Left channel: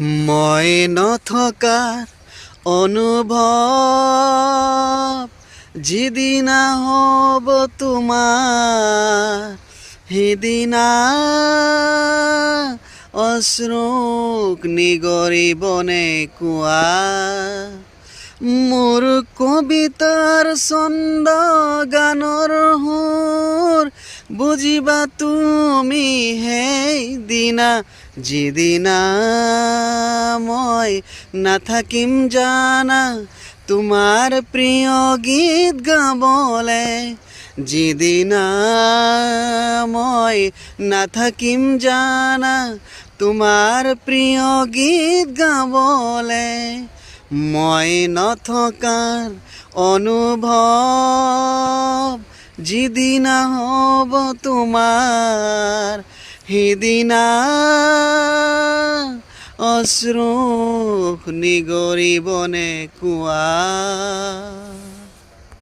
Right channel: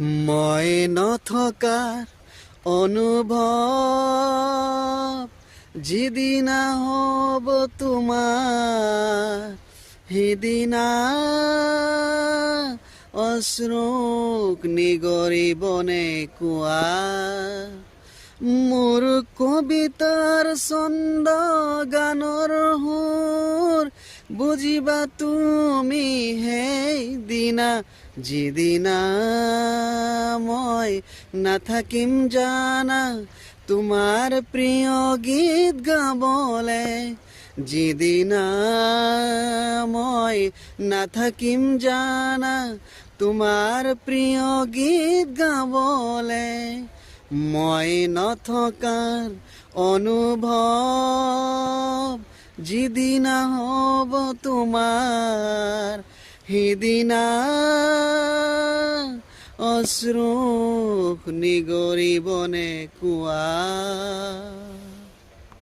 মই নথকাৰ অনুভৱ যিদিনা হ'ব তোমাৰ সিদিনা অশ্ৰুক নিগৰিবনে কোৱা মোৰ কবিতাৰ ছন্দ গানৰ সুৰ বুজিবা তুমি সেইদিনা যিদিনা মই নাথাকিম জানা তোমাৰ প্ৰিয় গীত গাবলে যিদিনা মই নাথাকিম জানা তোমাৰ প্ৰিয় গীত গাবলে মই নথকাৰ অনুভৱ যিদিনা হ'ব তোমাৰ সিদিনা অশ্ৰু নিগৰিবনে কোৱা